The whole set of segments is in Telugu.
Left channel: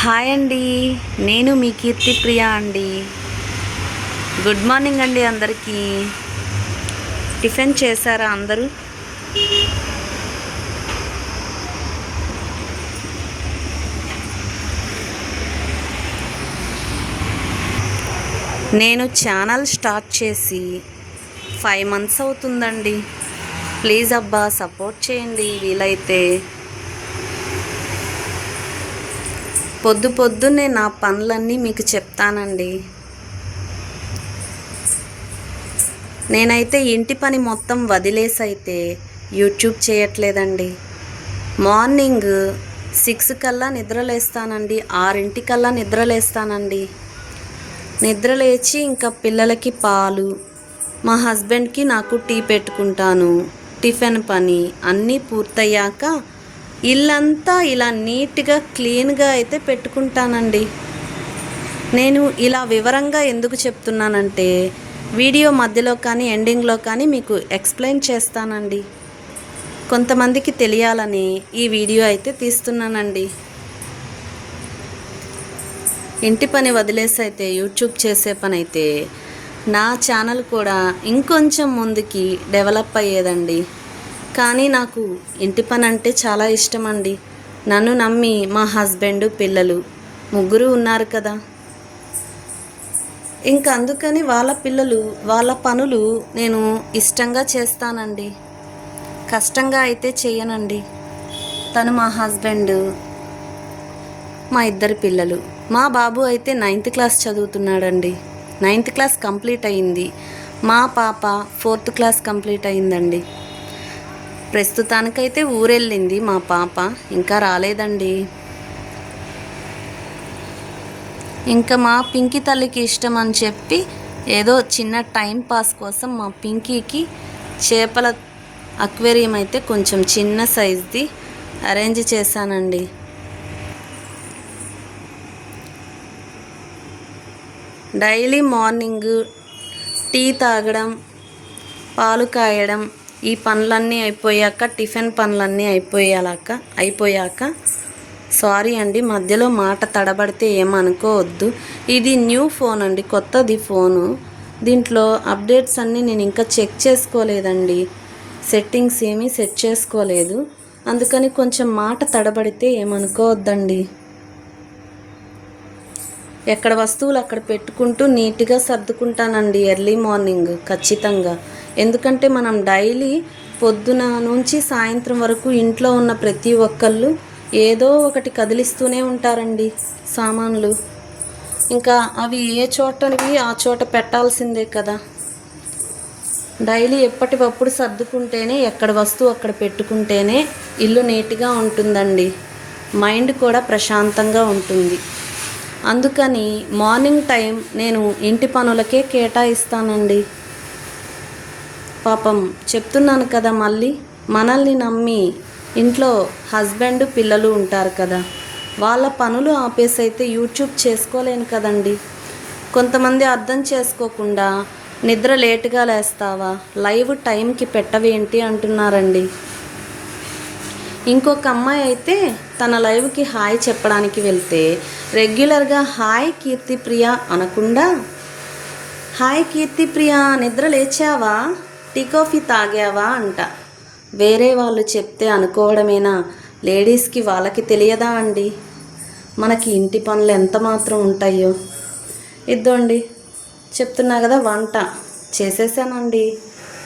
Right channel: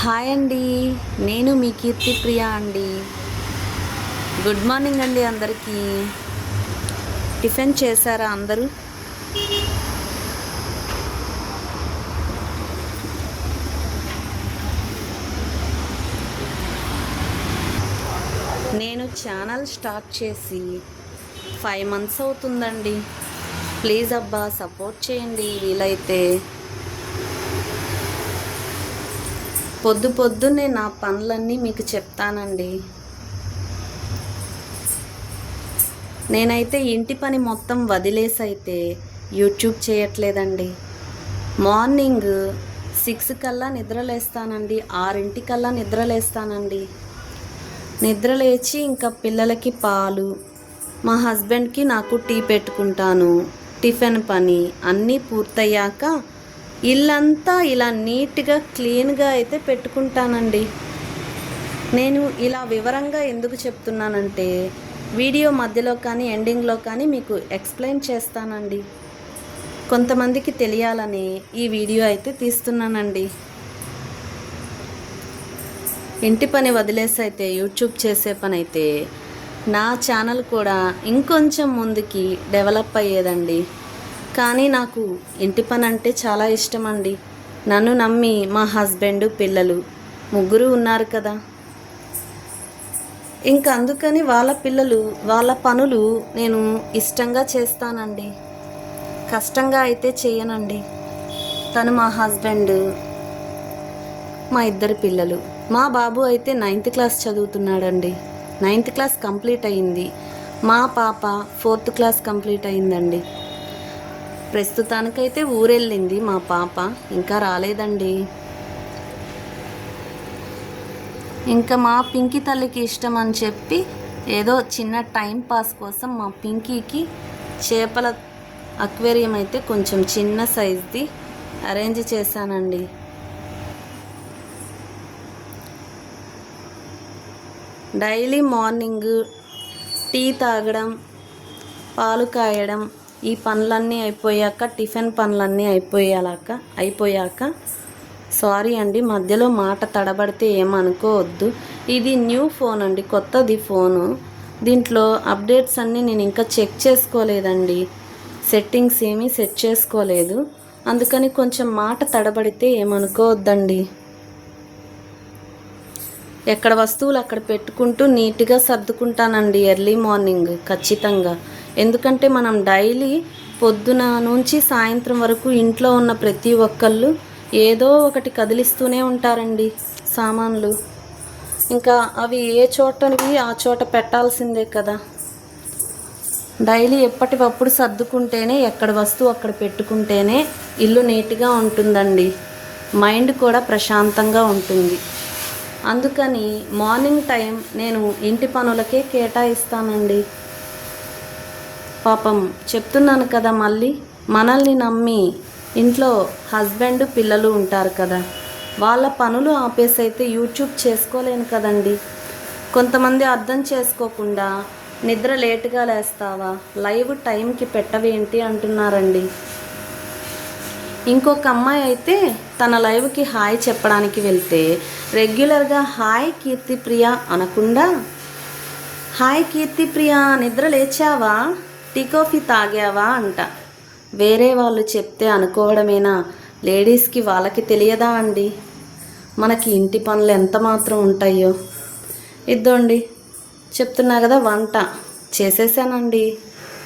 హాయ్ అండి. నేను మీ కీర్తి ప్రియ అండి. గుడ్ మార్నింగ్ అండి అందరికీ. టిఫిన్ చేశారా అందరూ? నేను ఛానల్ స్టార్ట్ చేసి 5 months అవుతుందండి. ప్లీజ్ అబ్బా సపోర్ట్ చేయండి వీలైతే. పొద్దున్నే నా పనులన్నీ మీకు చెప్తానండి. నేనైతే ఇంటి పని మొత్తం వదిలేసి అయితే యూట్యూబ్ చేయట్లేదండి. మార్నింగ్ 6 కల్లా నిద్రలేస్తానండి, 6 కల్లా నిద్రలేస్తానండి. నిద్రలేచి ఇంకా పిల్లలకి పాలు, మా హస్బెండ్కి నాకు టీ పెట్టుకుంటాను. టిఫిన్ పని అన్నీ పూర్తయ్యాక ఇల్లంతా ఇలా నీట్గా క్లీన్గా అయితే పెట్టుకుంటానండి. నేను ఇలా వివరంగా ఎందుకు చెప్తున్నానంటే వీడియో మధ్యలో కానీ ఎండింగ్లో కానీ మీకు ఎక్స్ప్లెయిన్ చేస్తానండి. కొంతమందికి తెలియాలని ఈ వీడియో అయితే తీస్తున్నానండి. ఇంటి పని వదిలేసి అయితే యూట్యూబ్ చేసే పని అయితే నా ఛానల్ కూడా ఇంకొంచెం ముందుకి డెవలప్ అయ్యేదండి. కానీ నాకు ఇంటి పని అంటే చాలా ఇష్టం అండి. నన్ను నమ్మి మా హస్బెండ్, పిల్లలు ముగ్గురు ఉన్నారు కదా. ఇంకా అందుకని వాళ్ళ పిల్లలు వాళ్ళ పనులు నేను ఇష్టంగా చేస్తానండి. కష్టంగా అయితే చేయనండి. తను మా హస్బెండ్, మా 2 పిల్లలు. మా బాబు అయితే 9th class చదువుతున్నాడండి. 9th class complete అయింది. మా పాప 4th క్లాస్ కంప్లీట్ అయిందండి. ప్రస్తుతానికైతే ఊరెళ్ళింది మా పాప, ఇంకా రాలేదండి. ఇంకా మా పింకీ తల్లికి ఇష్టం అని చెప్పి ఏదో చిన్న టైం పాస్ కోసం మా పింకీకి చేపల అక్వేరియం అయితే కొంచెం చిన్న సైజ్ది అరేంజ్ చేశానండి. డైలీ మార్నింగ్ టీ తాగడం, పాలు కాయడం, ఈ పనులన్నీ అయిపోయాక, టిఫిన్ పనులన్నీ అయిపోయాక సారీ అండి మధ్యలో మాట తడబడితే ఏమనుకోవద్దు. ఇది న్యూ ఫోన్ అండి, కొత్తది ఫోను. దీంట్లో అప్డేట్స్ అన్నీ నేను ఇంకా చెక్ చేసుకోలేదండి. సెట్టింగ్స్ ఏమీ సెట్ చేసుకోలేదు. అందుకని కొంచెం మాట తడబడితే ఏమనుకోవద్దండి. ఎక్కడ వస్తువులు అక్కడ పెట్టుకుంటూ నీట్గా సర్దుకుంటానండి ఎర్లీ మార్నింగ్ ఖచ్చితంగా. ఎందుకంటే మనం డైలీ పొద్దున నుంచి సాయంత్రం వరకు ఇంట్లో ఉన్న ప్రతి ఒక్కళ్ళు ఏదో ఒకటి కదిలిస్తూనే ఉంటారండి సామాన్లు. ఇంకా అవి ఏ చోటవి ఆ చోట పెట్టాల్సిందే కదా. డైలీ ఎప్పటికప్పుడు సర్దుకుంటేనే, ఎక్కడ వస్తువు అక్కడ పెట్టుకుంటేనే ఇల్లు నీట్గా ఉంటుందండి. మైండ్ కూడా ప్రశాంతంగా ఉంటుంది. అందుకని మార్నింగ్ టైం నేను ఇంటి పనులకే కేటాయిస్తానండి. పాపం చెప్తున్నాను కదా, మళ్ళీ మనల్ని నమ్మి ఇంట్లో హస్బెండ్, పిల్లలు ఉంటారు కదా. వాళ్ళ పనులు ఆపేసి అయితే యూట్యూబ్ చేసుకోలేను కదండి. కొంతమంది అర్థం చేసుకోకుండా నిద్ర లేటుగా లేస్తావా, లైవ్ టైంకి పెట్టవేంటి అంటున్నారండి. ఇంకొక అమ్మాయి అయితే తన లైవ్కి హాయ్ చెప్పడానికి వెళ్తే రెగ్యులర్గా హాయ్ కీర్తి ప్రియ అనకుండా హాయ్ కీర్తి ప్రియ నిద్ర లేచావా, టీ కాఫీ తాగావా అంట. వేరే వాళ్ళు చెప్తే అనుకోవడమేనా, లేడీస్కి వాళ్ళకి తెలియదా అండి మనకి ఇంటి పనులు ఎంత మాత్రం ఉంటాయో. ఇద్దండి చెప్తున్నా కదా, వంట చేసేసానండి.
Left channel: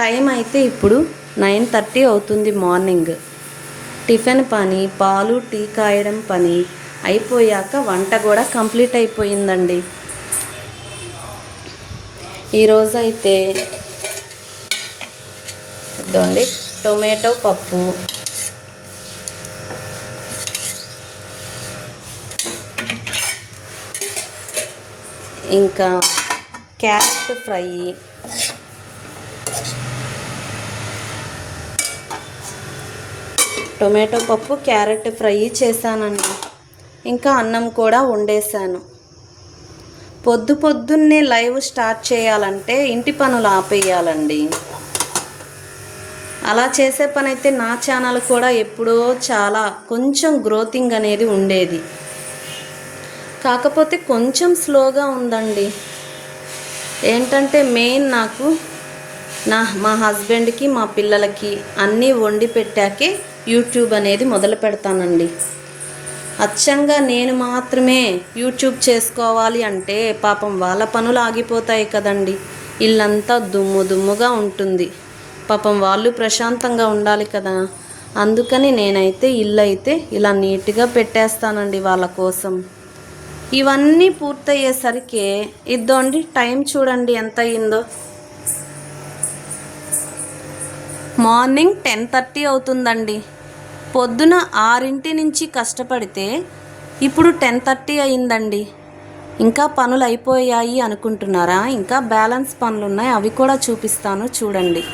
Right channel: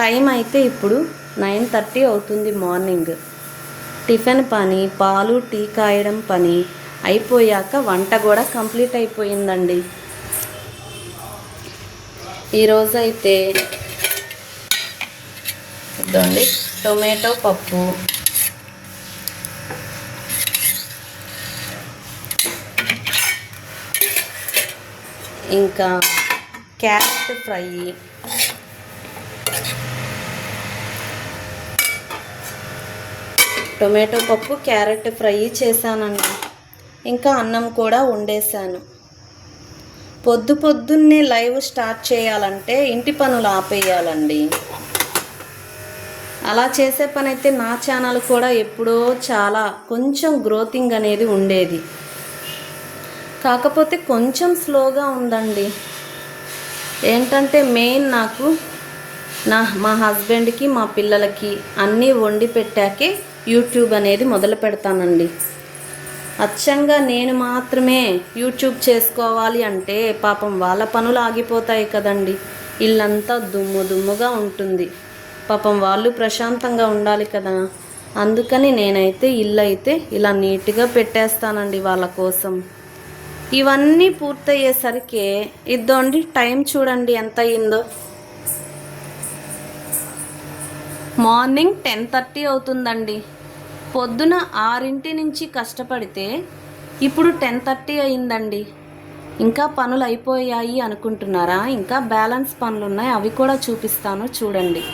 టైం అయితే ఇప్పుడు 9:30 అవుతుంది మార్నింగ్. టిఫిన్ పని, పాలు టీ కాయడం పని అయిపోయాక వంట కూడా కంప్లీట్ అయిపోయిందండి. ఈరోజు అయితే ఇదండి టొమాటో పప్పు, ఇంకా క్యారెట్ ఫ్రై, టొమాటో పప్పు క్యారెట్ ఫ్రై చేశానండి. ఇంకా అన్నం కూడా వండేశాను. పొద్దున్నే లైవ్ స్టార్ట్ చేయాలంటే ఇంటి పనులు ఆపేయాలండి. అలా చేసే పని అయితే నా ఛానల్ కూడా ఎప్పుడో చాలా కొంచెం గ్రోతింగ్ అనేది ఉండేది. కాకపోతే కొంచెం స్లోగా ఉందండి. ఏంటంటే మెయిన్ నాకు మా హస్బెండ్కి మా పిల్లలకి అన్నీ వండి పెట్టాకే యూట్యూబ్ అనేది మొదలు పెడతానండి. అచ్చంగా నేను మాత్రమే యూట్యూబ్ చేసుకోవాలి అంటే పాపం వాళ్ళ పనులు ఆగిపోతాయి కదండి. ఇల్లంతా దుమ్ముగా ఉంటుంది. పాపం వాళ్ళు ప్రశాంతంగా ఉండాలి కదా. అందుకని నేనైతే ఇల్లు అయితే ఇలా నీట్గా పెట్టేస్తానండి వాళ్ళ కోసం. ఇవన్నీ పూర్తయ్యేసరికి ఇద్దండి టైం చూడండి ఎంత అయిందో. మార్నింగ్ 10:30 అవుతుందండి. పొద్దున 6 నుంచి కష్టపడితే ఇప్పుడు 10:30 అయిందండి. ఇంకా పనులు అయిపోయాయి అనుకుంటున్నారా? ఇంకా బ్యాలెన్స్ పనులు ఉన్నాయి, అవి కూడా చూపిస్తాను చూడండి.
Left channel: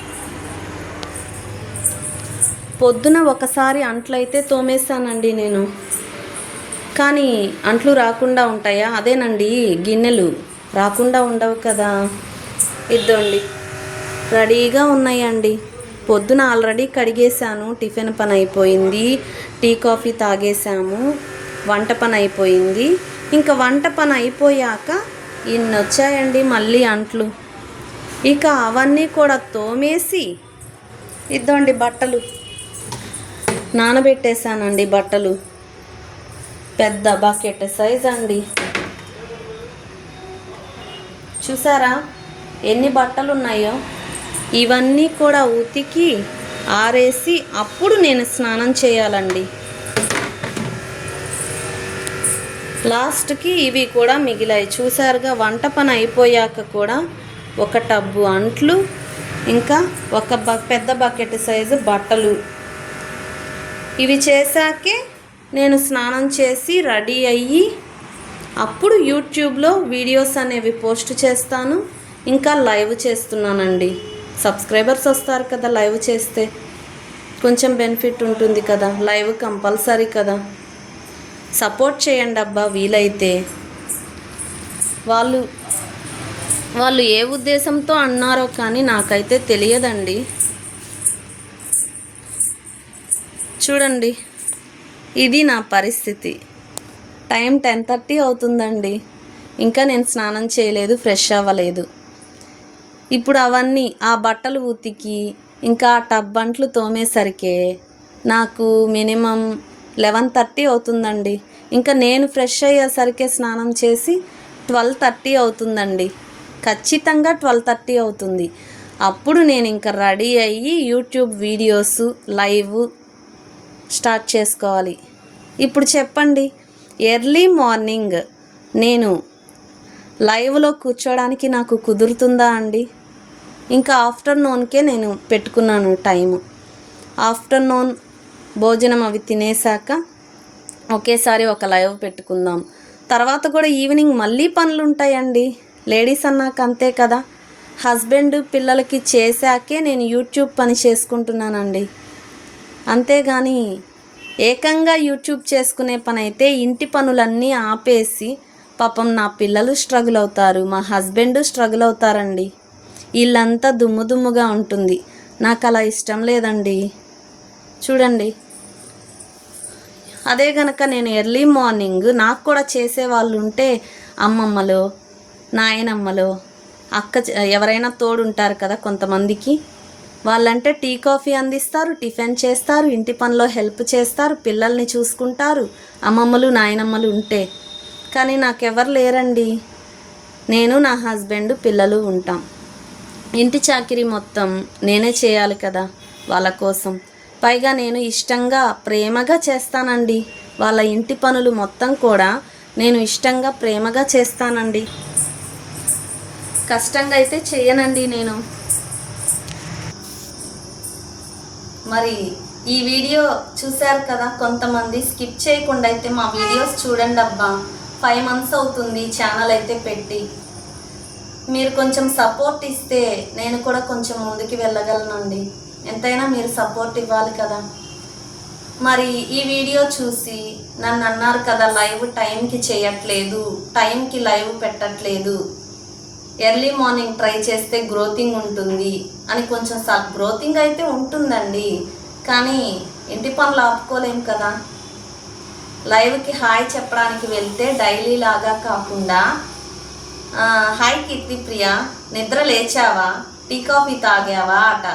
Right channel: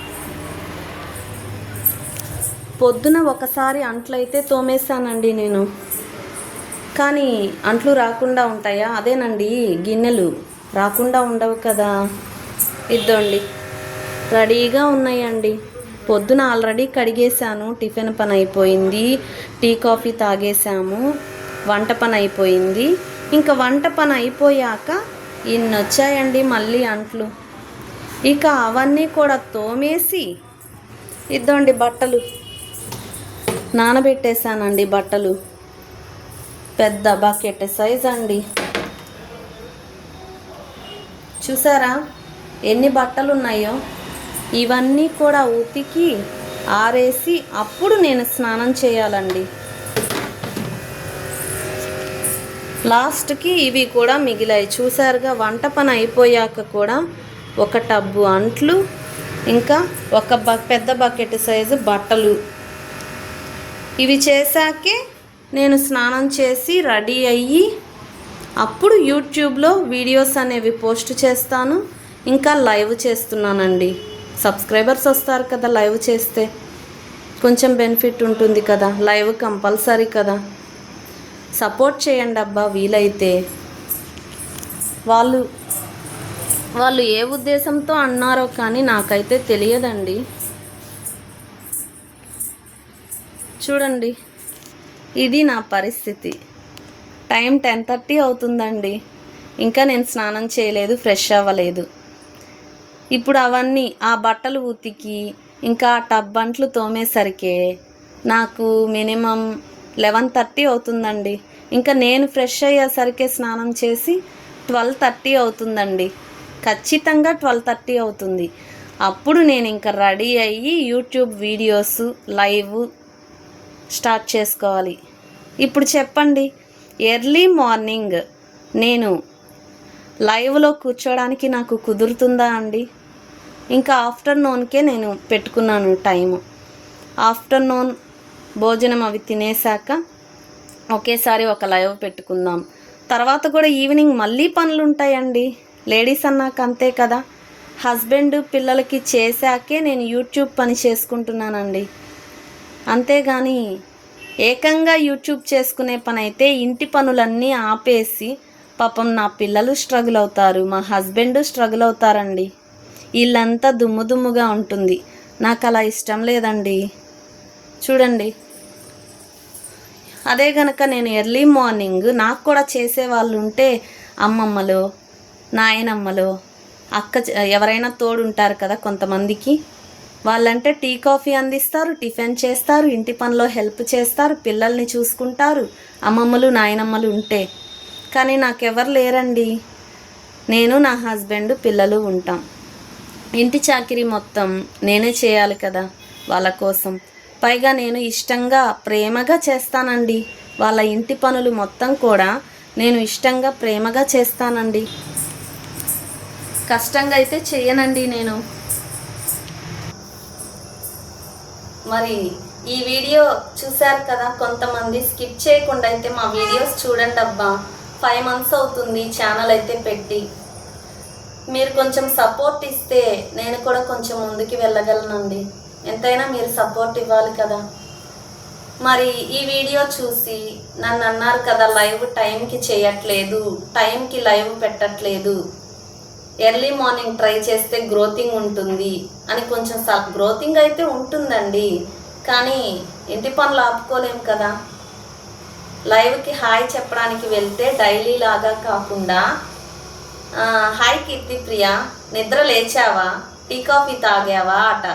పొద్దున ఒకసారి అంట్లయితే తోమేశానండి నేను. కానీ అంట్లు రాకుండా ఉంటాయా? అదేనండి, గిన్నెలు రాకుండా ఉండవు కదా. ఇద్దండి రెడీగా ఉన్నాయండి. పొద్దున ఆల్రెడీ కడిగేశాను, టిఫిన్ పని అయిపోయింది, టీ కాఫీ తాగేసాము, వంట పని అయిపోయింది. ఇంకా వంట పని అయిపోయాక ఇన్ని వచ్చాయండి మళ్ళీ అంట్లు. ఇక అవన్నీ కూడా తోమేసి ఇద్దండి బట్టలు నానబెట్టేశానండి. బట్టలు పెద్ద బకెట్ సైజ్ అండి. చూసారా ఎన్ని బట్టలు ఉన్నాయో? ఇవన్నీ కూడా ఉతికి ఆరేసి అప్పుడు నేను స్నానం చేయాలండి. లాస్ట్కి ఇవి కూడా మిగిలాయి చూసారుగా. వంట పని అయిపోయాక కూడా ఒక టబ్బు అంట్లు, ఇంకా ఒక పెద్ద బకెట్ సైజు బట్టలు. ఇవి చేశాకే నేను స్నానం చేసి రెడీ అయ్యి అప్పుడు యూట్యూబ్లో వీడియోస్ అనేవి పోస్ట్ చేస్తాను. ఇంకా లైవ్ చేస్తున్నానండి. సబ్స్క్రైబర్స్ వస్తారు కదా లైవ్ చేస్తే, కొంచెం బెనిఫిట్ ఉంటుంది కదా. లైవ్ కంపల్సరీ కదా. సపోర్ట్ చేయండి అబ్బా వీలైతే. వాళ్ళు ఏ ఉద్దేశంతో అన్నారో కానీ నాకైతే తెలియదండి. చూడండి ఇది నా పరిస్థితి. టైం 10:30 అవుతుందండి. ఇంకా నేను స్నానం చేయలేదు, ఫ్రెష్ అవ్వలేదు. ఇప్పుడు అవన్నీ ఆ బట్టలు ఉతికి ఇంకా ఆ టబ్ అంట్లు తోమేసరికి నాకు మినిమం 11:30 అవుతుందండి. ఇంకా నేను ఫ్రెష్ అయ్యేసరికి స్నానం చేసి 12:30 అవుతుందండి. ఖచ్చితంగా 12:30 అవుతుంది. అప్పుడు నేను ఇంకా రెడీ అయ్యి యూట్యూబ్ వీడియోస్ లైవ్ స్టార్ట్ చేసుకోవాలి. ఇప్పుడు చెప్పండి, ఎర్లీ మార్నింగ్ నేను లైవ్లో కూర్చోడానికి నాకు కుదురుతుందా అండి? ఇంకా ఆఫ్టర్నూన్కే నేను పెట్టుకున్నాను టైము. ఆఫ్టర్నూన్ భోజనం అవి తినేసాక ఒకేసారి ఒక లైవ్ పెట్టుకుందాం. తర్వాత కూడా ఈవినింగ్ మళ్ళీ పనులు ఉంటాయండి. లేడీస్ అన్నాక అంతే కదా. హస్బెండ్ పిల్లలకి చేశాకే నేను యూట్యూబ్ పని చేసుకుంటున్నానండి. అంతేగాని ఏకంగా యూట్యూబ్ చేసుకునే పని అయితే ఇంటి పనులన్నీ ఆపేసి పాపం నా పిల్లలు స్ట్రగుల్ అవుతారు, మా హస్బెండ్ స్ట్రగుల్ అవుతారండి. ఇల్లంతా దుమ్ముగా ఉంటుంది. నాకు అలా ఇష్టం లేదండి. చూడండి, అదే కనుక నేను ఎర్లీ మార్నింగ్ నాకు కూడా చేసేవాళ్ళు ఉంటే అమ్మమ్మలో నాయనమ్మలో ఎవరైనా తోడు ఉంటారు కదా కొంతమందికి. వాళ్ళంటే టీ కాఫీ అందిస్తారు, టిఫిన్ చేస్తారు, ఇంటి పనిలో హెల్ప్ చేస్తారు, పిల్లల్ని చూసుకుంటారు అమ్మమ్మలు నాయనమ్మలు ఉంటే. కానీ నాకెవరు లేరండి. నేను నా హస్బెండ్ పిల్లలు ఉంటాం. ఇంటి చాకిరీ మొత్తం నేనే చేయాలి కదా వాళ్ళ కోసం. పైగా నేను ఇష్టంగా ప్రేమగా చేస్తానండి. వాళ్ళ ఇంటి పనులు మొత్తం కూడా నేను ఇష్టంగా ప్రేమగా చేస్తానండి. కష్టంగా అయితే చేయనండి నేను. మరి ఈ వీడియో చూశారు కదా కొంతమంది, స్కిప్ చేయకుండా అయితే మా వీడియోస్ చూడండి అబ్బా. 5 months అవుతుంది ఛానల్ అయితే పెట్టి. మీరు కొంచెం సపోర్ట్ ఇస్తే నేను కూడా కొంచెం ముందుకు వెళ్ళగలనండి. ఎంతైనా మీరు సపోర్ట్ ఇవ్వాలి కదా. మరి ఈ వీడియో చూసి నన్ను అన్నారు కదా లైవ్ టైంకి చేయట్లేదు, టైంకి లైవ్ పెట్టట్లేదు, ఎర్లీ మార్నింగ్ ట్రై చేస్తే గ్రోతింగ్ ఉంటుంది అని. కొంచెం గ్రోతింగ్ అయితే ఉంటుందండి, కానీ ఇంటి పనులు ఆపుకోలేం కదా. లైవ్కి హాయ్ చెప్పడానికి వెళ్తే డైలీ లాగా కాకుండా హాయ్ కీర్తిప్రియ, నిద్ర లేచావా, టీ కాఫీ తాగావా అట.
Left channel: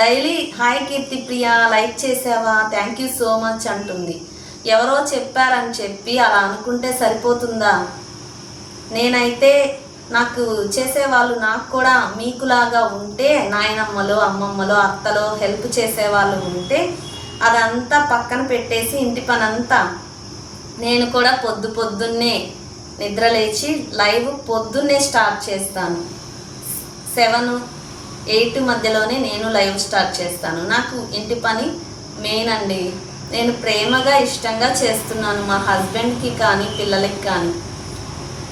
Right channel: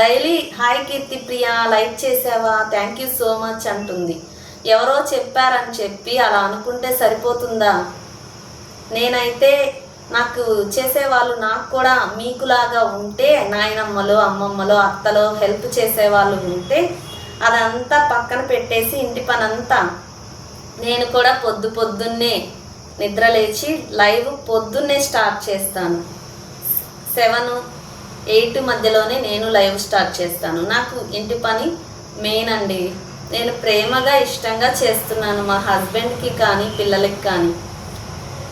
డైలీ హాయ్ కీర్తిప్రియ లైక్ చేసావా, థ్యాంక్ యూ సో మచ్ అంటుంది. ఎవరో చెప్పారని చెప్పి అలా అనుకుంటే సరిపోతుందా? నేనైతే నాకు చేసేవాళ్ళు నాకు కూడా మీకులాగా ఉంటే, నాయనమ్మలో అమ్మమ్మలో అత్తలో హెల్ప్ చేసేవాళ్ళు ఉంటే అదంతా పక్కన పెట్టేసి ఇంటి పని అంతా నేను కూడా పొద్దున్నే నిద్ర లేచి లైవ్ పొద్దున్నే స్టార్ట్ చేస్తాను. 7-8 మధ్యలోనే నేను లైవ్ స్టార్ట్ చేస్తాను. నాకు ఇంటి పని మెయిన్ అండి. నేను ప్రేమగా ఇష్టంగా చేస్తున్నాను మా హస్బెండ్కి కానీ పిల్లలకి కానీ.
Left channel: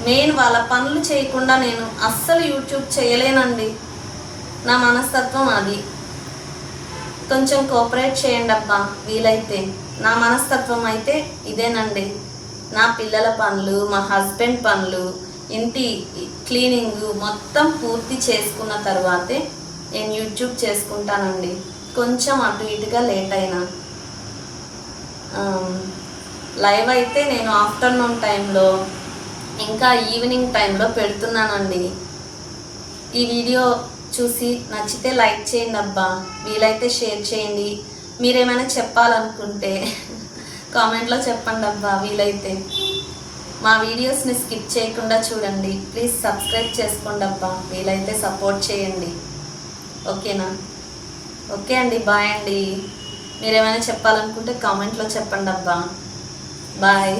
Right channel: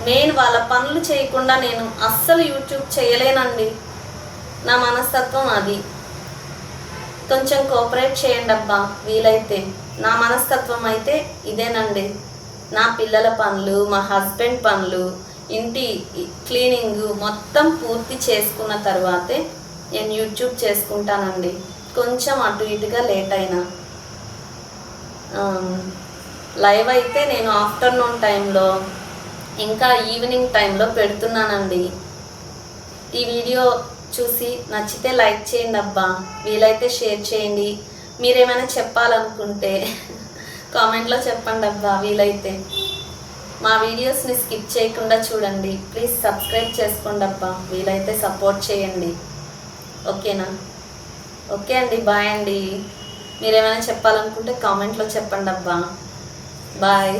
మెయిన్ వాళ్ళ పనులు చేయకుండా నేను అస్సలు యూట్యూబ్ చేయలేనండి. నా మనస్తత్వం అది. కొంచెం కోఆపరేట్ చేయండి అబ్బా వీలైతే. నా మనస్తత్వం అయితే ఇదేనండి. నా పిల్లల పనులు, మా హస్బెండ్ పనులు, ఇంటి క్లీనింగ్ మొత్తం పూర్తి చేసుకున్న తర్వాతే నేను యూట్యూబ్ చేసుకుంటానండి. కొంచెం అటు ఇటుగా లేట్ అయినా. లైవ్ అయితే నేను ఆఫ్టర్నూన్ టైంలో ఇంకా ఈవినింగ్ టైంలో పెడుతున్నానండి. ఈ వీడియో చూసి నచ్చితే లైక్ చేయండి అబ్బా, వీలైతే షేర్ చేయండి. మీరేమైనా చెప్పాలనుకుంటే కామెంట్లో చెప్పండి అబ్బా వీలైతే. మా వీడియోస్ని స్కిప్ చేయకుండా చూడండి. ప్లీజ్ సబ్స్క్రైబ్ చేసుకోండి అబ్బా, వీలైతే సపోర్ట్ చేయండి. ఓకేనా? ఓకే అండి, బాయ్ అండి. మీరేమైనా చెప్పాలనుకుంటే కామెంట్లో చెప్పండి అబ్బా. బాయ్.